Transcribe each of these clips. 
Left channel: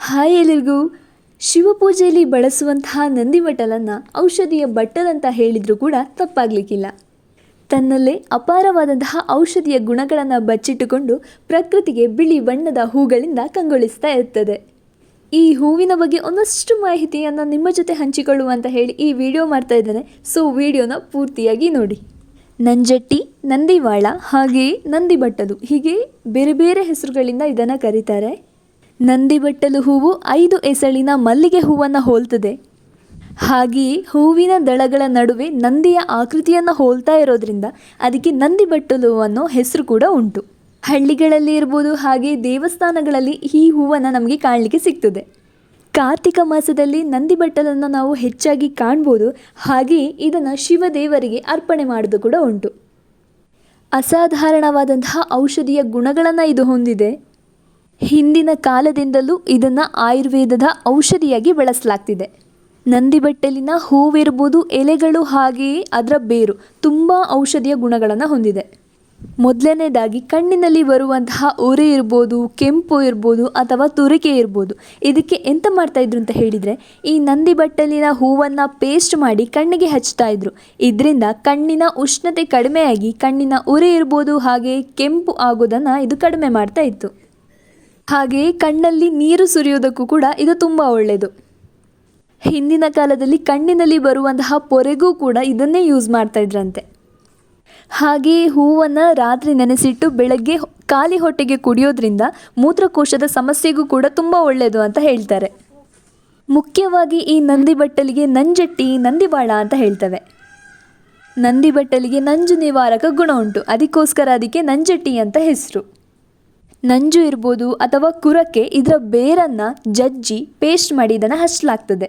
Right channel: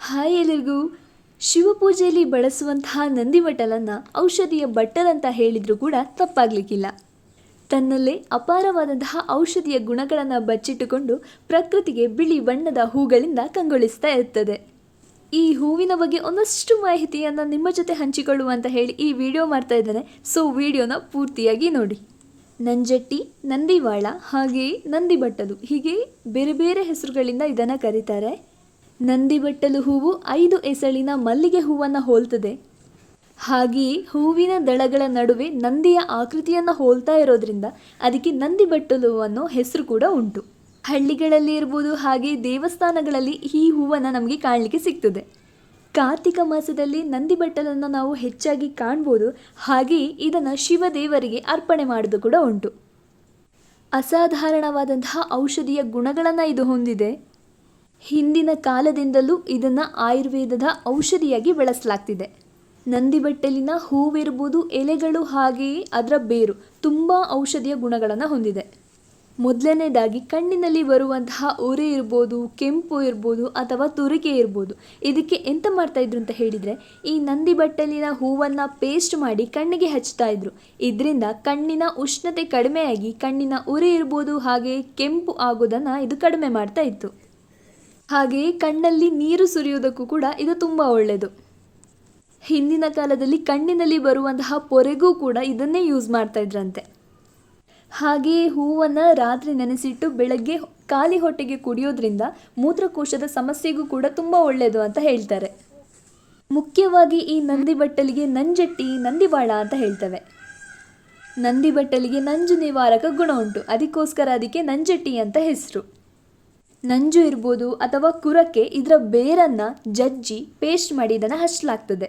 Hi ಎಲ್ಲರಿಗೂ ಶಿವಪೂಜೆಯಲ್ಲಿ ಬಳಸುವಂತಹ ನಂದಿ ಬಟ್ಟಲನ್ನು ಔಷಧಿಯ ಬಟ್ಟಲಂತ ಹೇಳಿದರೂ ಕೂಡ ತಪ್ಪಾಗಲಿಕ್ಕಿಲ್ಲ. ತನ್ನಲ್ಲೇ ಅಪಾರವಾದಂತಹ ಔಷಧಿಯ ಗುಣಗಳನ್ನು ಬಚ್ಚಿಟ್ಟುಕೊಂಡು ಪ್ರಕೃತಿಗೆ ಬಿಳಿ ಬಣ್ಣದ ಹೂಗಳಿಂದ ಕಂಗೊಳಿಸ್ತಾ ಇರ್ತದೆ. ಈ ಹೂವಿನ ಬಗ್ಗೆ ಒಂದಷ್ಟು ಮಾಹಿತಿಯನ್ನು ನಿಮ್ಮ ಜೊತೆ ಹಂಚಿಕೊಳ್ಳುವ ಅಂತ ಹೇಳಿ ಈ ವಿಡಿಯೋ ಮಾಡ್ತಾ ಇದ್ದೇನೆ. ಸೊ ವಿಡಿಯೋನ ಪೂರ್ತಿಯಾಗಿ ನೋಡಿ. ನಂಜಟ್ಟಿ, ನಂದಿವಾಳ ಹಾಗೆಯೇ ನಂದಿ ಬಟ್ಟಲು ಹೀಗೆ ಬೇರೆ ಬೇರೆ ಹೆಸರುಗಳಿಂದ ಇದನ್ನು ಕರೀತಾರೆ. ನಂದಿ ಬಟ್ಟಲು ಹೂವು ಐದು ಎಸಳಿನ ಮಲ್ಲಿಗೆ ಹೂವನ್ನು ಹೋಲ್ತದೆ. ಹಾಗೆಯೇ ಹೂವಿನ ದಳಗಳ ನಡುವೆ ನಂದಿಯ ಆಕೃತಿಯನ್ನು ಹೋಲ್ತಾ ಇರೋದ್ರಿಂದ ಅದಕ್ಕೆ ನಂದಿ ಬಟ್ಟಲು ಅನ್ನೋ ಹೆಸರು ಕೂಡ ಉಂಟು. ಹಳ್ಳಿಗಳಲ್ಲಿ ಇರ್ಬೋದು, ಹಾಗೆ ದೇವಸ್ಥಾನಗಳಲ್ಲಿ ಈ ಹೂವನ್ನು ನಮಗೆ ಕಾಣಲಿಕ್ಕೆ ಸಿಗ್ತದೆ. ಕಾರ್ತಿಕ ಮಾಸದಲ್ಲಿ ನಂದಿ ಬಟ್ಟಲನ್ನು ನಾವು ಹೆಚ್ಚಾಗಿ ಕಾಣ್ಬೋದು, ಹಾಗೆಯೇ ಇದನ್ನು ಶಿವದೇವರಿಗೆ ಅರ್ಪಣೆ ಮಾಡೋದು ಕೂಡ ಉಂಟು. ಅಸಾಧಾರಣವಾದಂತಹ ಔಷಧಿಯ ಗುಣಗಳನ್ನು ಇದು ಹೊಂದಿದೆ. ಹಿಂದಿನ ಕಾಲದಿಂದಲೂ ಇದನ್ನು ಆಯುರ್ವೇದದ ಔಷಧಿಯಾಗಿ ಬಳಸಲಾಗ್ತಿದೆ. ನಂದಿ ಬಟ್ಟಲಿನ ಹೂವಿರ್ಬೋದು ಎಲೆಗಳು ಹಾಗೆಯೇ ಅದರ ಬೇರು ತುಂಬ ಔಷಧಿಯ ಗುಣಗಳನ್ನು ಹೊಂದಿದೆ. ಮೊದಲನೇದಾಗಿ ಕಣ್ಣಿನಲ್ಲಿ ಬರುವಂತಹ ಉರಿ ಇರ್ಬೋದು, ಕೆಂಪು ಇರ್ಬೋದು ಅಥವಾ ತುರಿಕೆ ಇರ್ಬೋದು. ಇದಕ್ಕೆ ಎಂತ ಮಾಡ್ತಾಯಿದ್ರು ಅಂತ ಹೇಳಿದರೆ, ಈ ನಂದಿ ಬಟ್ಟಲಿನ ಹೂವನ್ನು ಪೇಸ್ಟ್ ಮಾಡಿ ಕಣ್ಣಿಗೆ ಹಚ್ತಾ ಇದ್ರು. ಇದರಿಂದ ಕಣ್ಣಿನ ಉಷ್ಣತೆ ಕಡಿಮೆಯಾಗಿ ಕಣ್ಣಿನ ಉರಿ ಇರ್ಬೋದು ಹಾಗೆ ಕೆಂಪು ಆಗೋದನ್ನು ಇದು ಕಡಿಮೆ ಮಾಡ್ತಾ ಇತ್ತು. ಹಾಗೆಯೇ ಕಣ್ಣಲ್ಲಿ ನೀರು ಸುರಿಯೋದಕ್ಕೂ ಕೂಡ ಇದು ತುಂಬ ಒಳ್ಳೆಯದು. ಹಿಂದಿನ ಕಾಲದಲ್ಲಿ ಕಣ್ಣಿನಲ್ಲಿ ಬರುವಂತಹ ಪೊರೆಗೂ ಕೂಡ ಇದನ್ನೇ ಯೂಸ್ ಮಾಡ್ತಾ ಇದ್ರಂತೆ. ಹಾಗೆಯೇ ಹೂವನ್ನು ರಾತ್ರಿ ನೆನೆಸಿಟ್ಟು ಬೆಳಗ್ಗೆ ಖಾಲಿ ಹೊಟ್ಟೆಗೆ ಕುಡಿಯೋದ್ರಿಂದ ಮೂತ್ರಕೋಶದ ಸಮಸ್ಯೆಗೂ ಕೂಡ ತುಂಬ ಒಳ್ಳೆಯದು ಅಂತ ಹೇಳ್ತಾರೆ. ಮುಖ್ಯವಾಗಿ ಈ ನಂದಿ ಬಟ್ಟಲಿಗೆ ನಂಜಟ್ಟಿ, ನಂದಿವಾಳ ಅಂತ ಹೇಳ್ತವೆ. ನಂದಿ ಬಟ್ಟಲಿಗೆ ನಂಜು ನಿವಾರಕ ಗುಣ ಉಂಟು. ಅದಕ್ಕೋಸ್ಕರ ಅದಕ್ಕೆ ನಂಜಟ್ಟಿ ಅಂತ ಹೆಸರು. ನಂಜು ಇರ್ಬೋದು ಅಥವಾ ಕುರಕ್ಕೆ ಇದರ ಬೇರನ್ನು ಜಜ್ಜಿ ಪೇಸ್ಟ್ ಮಾಡಿ ಇದನ್ನು ಹಚ್ಚಲಾಗ್ತದೆ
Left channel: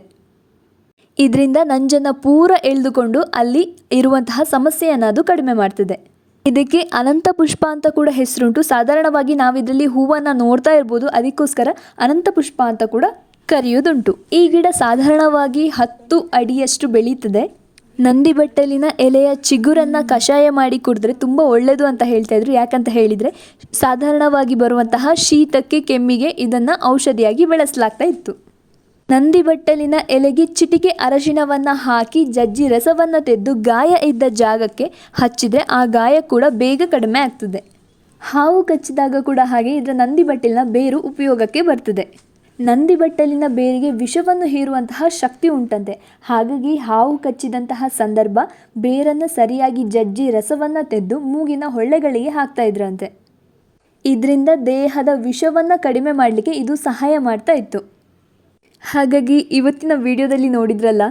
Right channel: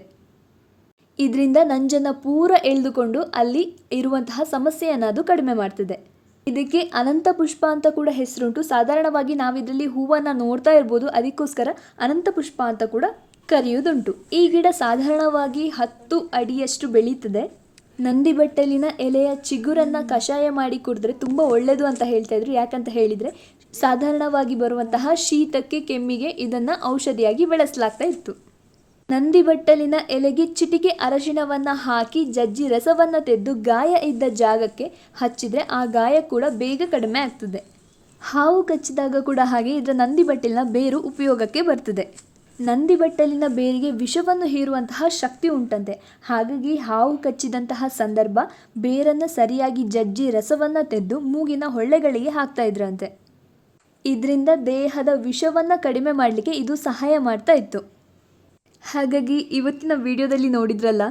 ಇದರಿಂದ ನಂಜನ್ನು ಪೂರ ಎಳೆದುಕೊಂಡು ಅಲ್ಲಿ ಇರುವಂತಹ ಸಮಸ್ಯೆಯನ್ನು ಅದು ಕಡಿಮೆ ಮಾಡ್ತದೆ. ಇದಕ್ಕೆ ಅನಂತ ಪುಷ್ಪ ಅಂತ ಕೂಡ ಹೆಸರುಂಟು. ಸಾಧಾರಣವಾಗಿ ನಾವು ಇದರಲ್ಲಿ ಹೂವನ್ನು ನೋಡ್ತಾ ಇರ್ಬೋದು. ಅದಕ್ಕೋಸ್ಕರ ಅನಂತ ಪುಷ್ಪ ಅಂತ ಕೂಡ ಕರೆಯೋದುಂಟು. ಈ ಗಿಡ ಸಾಧಾರಣವಾಗಿ ಹತ್ತು ಅಡಿಯಷ್ಟು ಬೆಳೀತದೆ. ನಂದಿ ಬಟ್ಟಲಿನ ಎಲೆಯ ಚಿಗುರನ್ನು ಕಷಾಯ ಮಾಡಿ ಕುಡಿದ್ರೆ ತುಂಬ ಒಳ್ಳೆಯದು ಅಂತ ಹೇಳ್ತಾ ಇದ್ರು. ಯಾಕಂತ ಹೇಳಿದರೆ ಸಾಧಾರಣವಾಗಿ ಬರುವಂತಹ ಶೀತಕ್ಕೆ ಕೆಮ್ಮಿಗೆ ಇದನ್ನು ಔಷಧಿಯಾಗಿ ಬೆಳೆಸಲಾಗ್ತಾ ಇತ್ತು. ನಂದಿ ಬಟ್ಟಲಿನ ಎಲೆಗೆ ಚಿಟಿಕೆ ಅರಶಿಣವನ್ನು ಹಾಕಿ ಜಜ್ಜಿ ರಸವನ್ನು ತೆದ್ದು ಗಾಯ ಇದ್ದ ಜಾಗಕ್ಕೆ ಹಚ್ಚಿದರೆ ಆ ಗಾಯ ಕೂಡ ಬೇಗ ಕಡಿಮೆ ಆಗ್ತದೆ. ಹಾವು ಕಚ್ಚಿದಾಗ ಕೂಡ ಹಾಗೆ ಇದರ ನಂದಿ ಬಟ್ಟಲಿನ ಬೇರು ಉಪಯೋಗಕ್ಕೆ ಬರ್ತದೆ. ನಂದಿ ಬಟ್ಟಲಿನ ಬೇರಿಗೆ ವಿಷವನ್ನು ಹೀರುವಂತಹ ಶಕ್ತಿ ಉಂಟಂತೆ. ಹಾಗಾಗಿ ಹಾವು ಕಚ್ಚಿದಂತಹ ಸಂದರ್ಭ ಬೇರನ್ನು ಸರಿಯಾಗಿ ಜಜ್ಜಿ ರಸವನ್ನು ತೆದ್ದು ಮೂಗಿನ ಹೊಳ್ಳೆಗಳಿಗೆ ಹಾಕ್ತಾ ಇದ್ರಂತೆ. ಇದರಿಂದ ದೇಹದ ವಿಷವನ್ನು ಕಡಿಮೆ ಮಾಡಲಿಕ್ಕೆ ಇದು ಸಹಾಯ ಮಾಡ್ತಾ ಇತ್ತು. ಹಾಗಾಗಿ ಇವತ್ತಿನ ವಿಡಿಯೋದಲ್ಲಿ ನೋಡಿದ್ರಲ್ಲ,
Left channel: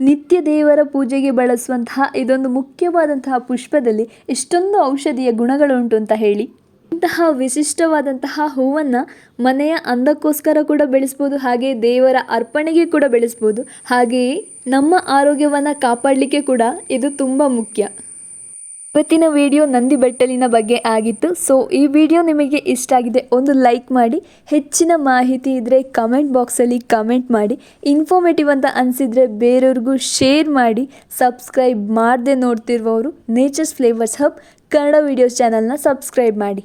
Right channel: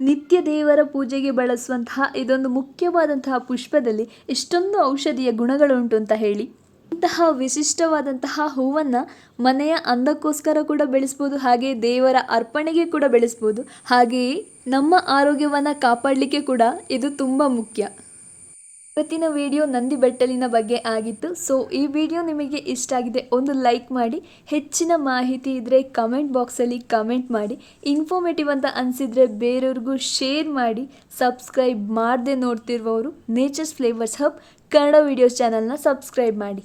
ನಿತ್ಯ ದೇವರ ಪೂಜೆಗೆ ಬಳಸುವಂತಹ ಇದೊಂದು ಮುಖ್ಯವಾದಂತಹ ಪುಷ್ಪದಲ್ಲಿ ಎಷ್ಟೊಂದು ಔಷಧಿಯ ಗುಣಗಳುಂಟು ಅಂತ ಹೇಳಿ. ಇಂತಹ ವಿಶಿಷ್ಟವಾದಂತಹ ಹೂವನ್ನು ಮನೆಯ ಅಂದಕ್ಕೋಸ್ಕರ ಕೂಡ ಬೆಳೆಸ್ಬೋದು, ಹಾಗೆ ದೇವರ ಅರ್ಪಣೆಗೆ ಕೂಡ ಬೆಳೆಸ್ಬೋದು. ಹಾಗೆಯೇ ನಮ್ಮ ಆರೋಗ್ಯವನ್ನು ಕಾಪಾಡಲಿಕ್ಕೆ ಕೂಡ ಇದು ತುಂಬ ಮುಖ್ಯ. ಇವತ್ತಿನ ವಿಡಿಯೋ ನಂದಿ ಬೆಟ್ಟಲಿನ ಬಗ್ಗೆ ಆಗಿತ್ತು. ಸೊ ಈ ವಿಡಿಯೋ ನಿಮಗೆ ಇಷ್ಟ ಆಗಿದೆ ಒಂದು ಲೈಕ್ ಮಾಡಿ, ಹೆಚ್ಚಿನ ಮಾಹಿತಿ ಇದ್ದರೆ ಕಮೆಂಟ್ ಬಾಕ್ಸಲ್ಲಿ ಕಮೆಂಟ್ ಮಾಡಿ, ಇನ್ಫಾರ್ಮೇಟಿವ್ ಅಂತ ಅನಿಸಿದರೆ ಬೇರೆಯವ್ರಿಗೂ ಶೇರ್ ಮಾಡಿ, ಸಬ್ಸ್ಕ್ರೈಬ್ ಮಾಡದೆ ನೋಡ್ತಿರುವವರು nature's flavours hub Kannada videos ಚಾನಲ್ನ ಸಬ್ಸ್ಕ್ರೈಬ್ ಮಾಡಿ.